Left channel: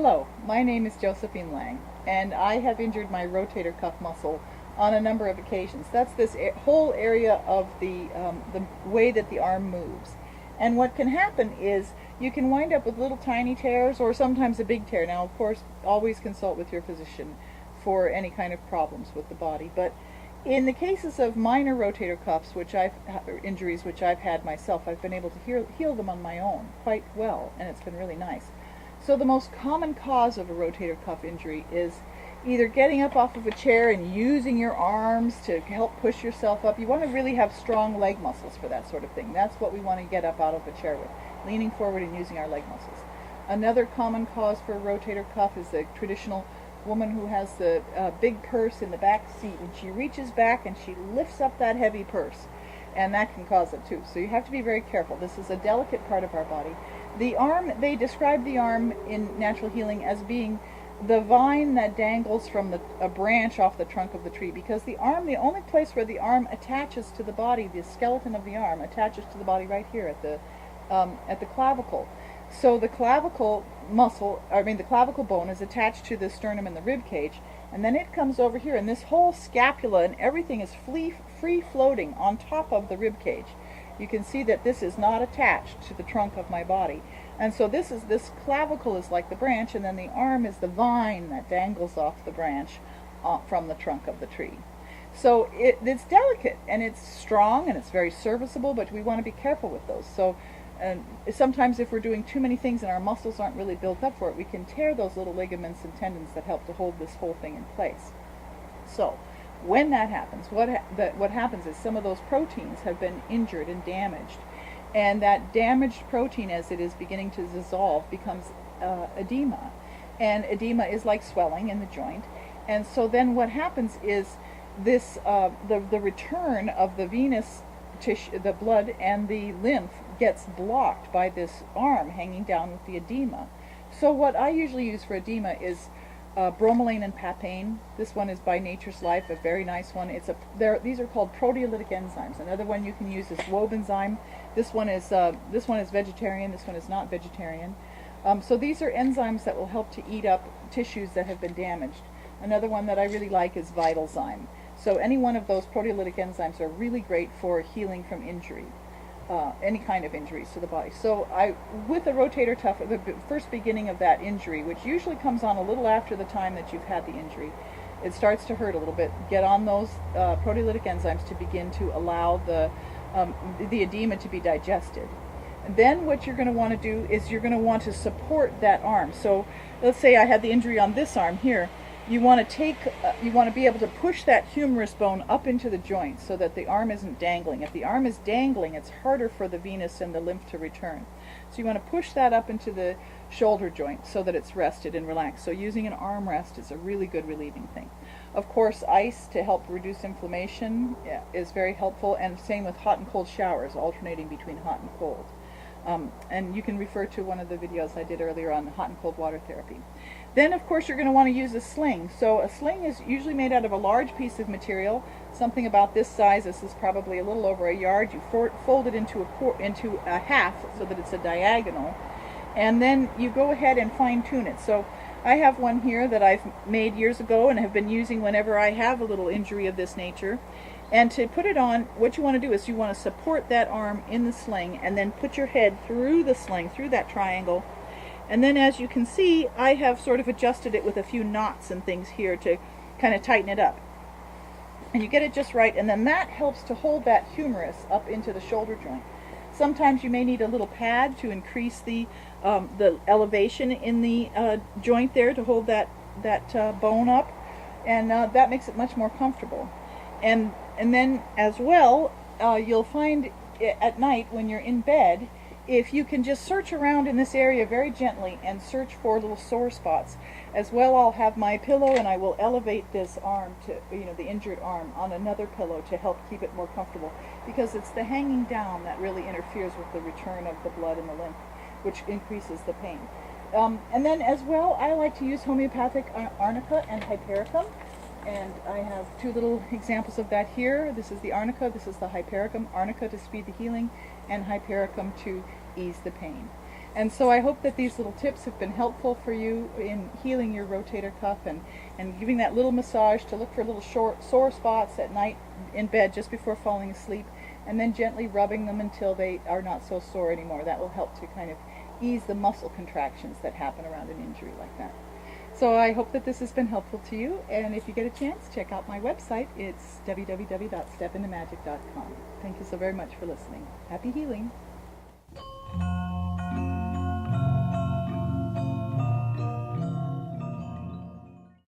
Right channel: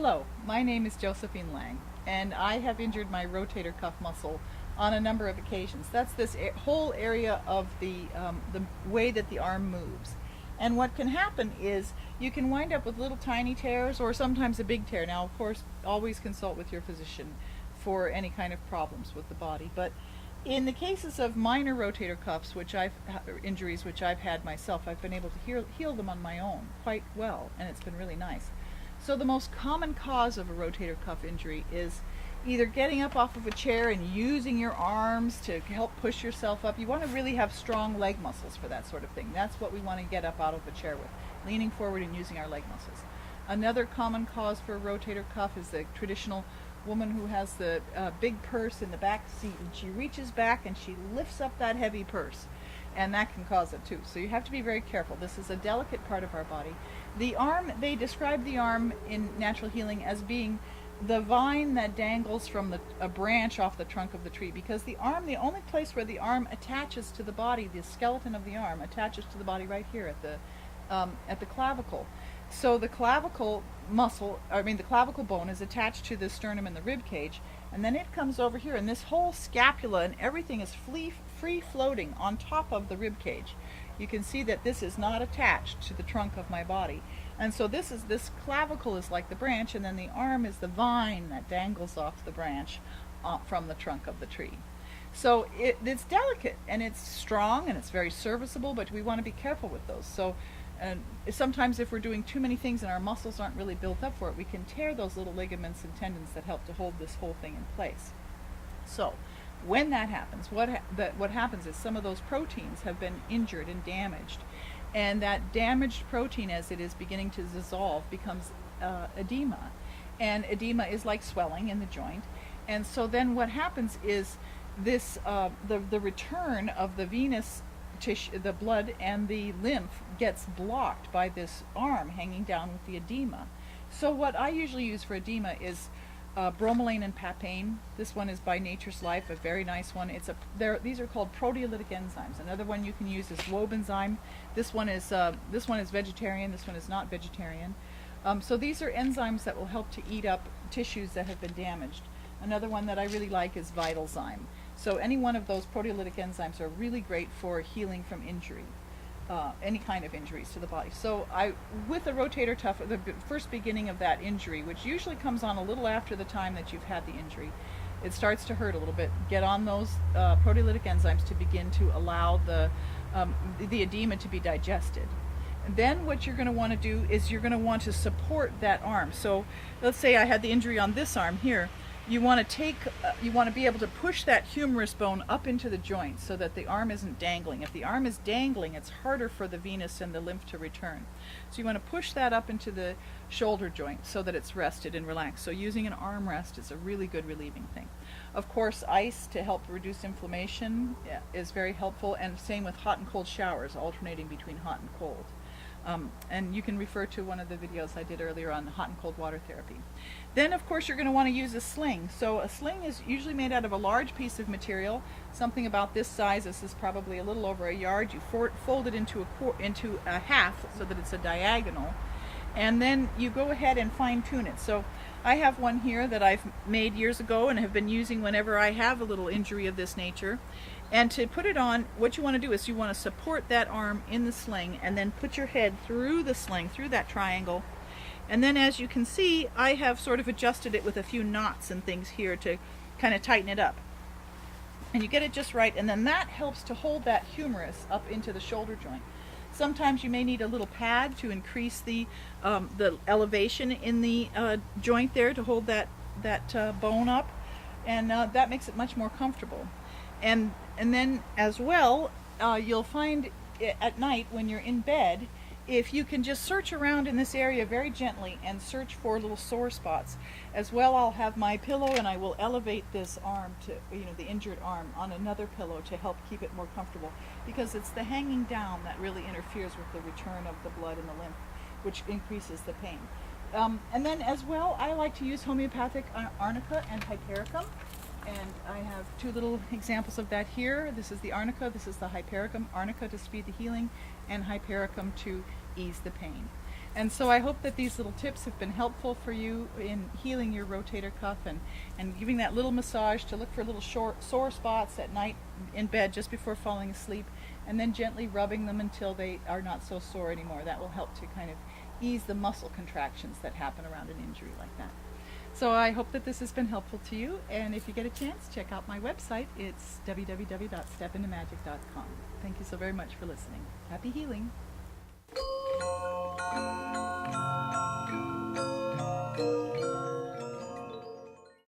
Hello, my name is Josephine Lang, and I have injured my rotator cuff muscle on a number of occasions. That's this whole area of the way that the arm moves. And what can happen is you can wind up with little tiny tears or sometimes a big tear. Now, of course, always consult with your physician for any kind of problems with the body. But in the cases of minor rotator cuffs, injuries which I've had myself, I've been able to heal them on my own quite well, and it's been really nice. So the most common cause of a rotator cuff injury is either getting up off of a chair and using your arms to help push yourself up. You want to really have strong leg muscles for that sort of thing. That's what we want to get up out of a chair with, leaning forward and using our leg muscles. Another common cause for a rotator cuff is the traditional woman who has the big purse in the back seat, and she reaches back and she lifts up that heavy purse, and that can cause it too. So you have to be very careful. This is a delicate part of our body. The arm, they describe the arm in natural healing as being the vine that dangles from a branch off the trunk of the tree, because the arm, the only place where the arm attaches to the body, the skeleton of the arm attaches to the body right here at the clavicle. So the clavicle the clavicle bone is attached to the sternum and the rib cage, and then it comes over here, and this whole scapula and everything is free floating on top of the rib cage. You can see that this is not attached to the trunk of my body. And so this clavicle is like the branch, and then the arm is the vine that dangles off the branch from the trunk of the tree. So it's delicate, and it's strong, and it's very serviceable, but we want to be careful with those. So sometimes if we're doing too many things and our muscles aren't really built up for it, we can tear those little ligaments and tendons that help to hold this whole thing in place. So when that happens, what happens is some of those proteins have been injured and damaged, and that damaged protein, as it is beginning to dissolve, becomes edema, and edema is like swelling in the joint. And so then what happens is this the return of the venous tissue, the blood and the lymph, gets blocked by this arm hanging down with the edema. So what I usually use for edema is bromelain and papain. This one is by Nature's Life, a very nice one. These are called proteolytic enzymes. Another one you can use is wob enzyme. This one is vegetarian. This one is not vegetarian. So these are enzymes that will help to eat up tissues that have been damaged. Another one that I really like is Vitalzyme. So any one of those proteolytic enzymes are really great for healing from injury. Any kind of injuries to the body. So with a rotator cuff, the first beginning of that injury, which usually comes on a little after the time that you've had the injury, it starts to hurt a little bit. Get on those proteolytic enzymes to begin to allow the edema to be digested. And then what you're going to want to do is you're going to want to support that arm. So let's say I had the injury on this arm here. You want to be able to push that humerus bone up into the joint so that the arm isn't dangling. If the arm is dangling, it's harder for the venous and the lymph to return. So you want to push that up into the shoulder joint so that it's rested and relaxed. So using an arm rest is a really good relieving thing. Of course, ice to help reduce inflammation is very helpful, and same with hot and cold showers, alternating between hot and cold. And you can refer to one of the videos I did earlier on the hot and cold water therapy. Then, of course, you're going to want to use a sling. So a sling is usually made out of a large piece of material, something about this size. This is probably a little over a yard. You fold it into a half so that it's a diagonal, and then you go ahead and fine-tune it. So I have one here that I've made years ago and have been using whenever I have a little injury of this nature. And to put it on, what you want to do is you want to support that arm in the sling and then put your head through the sling, through that triangle. And then, as you can see, I have sort of adjusted it with a few knots and things here to kind of tighten it up. And you get it just right, and then that helps to hold that humerus up into the shoulder joint. Sometimes you may need a little pad to increase the elevation in the joint there to hold that bone up, and that makes it much more comfortable. And then as well, you'll find at night when you're in bed, if you can just search around in this area very gently and search for little sore spots. As well, I'll have my pillow and I will elevate this arm to, the injured arm on another pillow to help keep it more comfortable, because it's the hanging down that really interferes with the return of the blood and the lymph, which increases the pain. And then as well, I like to use homeopathic arnica and hypericum. And I have two little examples of that here. This is the arnica, this is the hypericum. Arnica to speed the healing, and hypericum to ease the pain. And so I hope that these little tips have been helpful for you in healing your rotator cuff and giving that little massage to look for little sore spots at night in bed just before falling asleep, and then gently rubbing them until they are not so sore anymore. That will help to kind of ease the muscle contractions that happen around an injury like that. So I hope that this has been helpful to you, and if you get a chance, check out my website. It's www.stepintomagic.com. Thank you so very much for listening. Happy healing.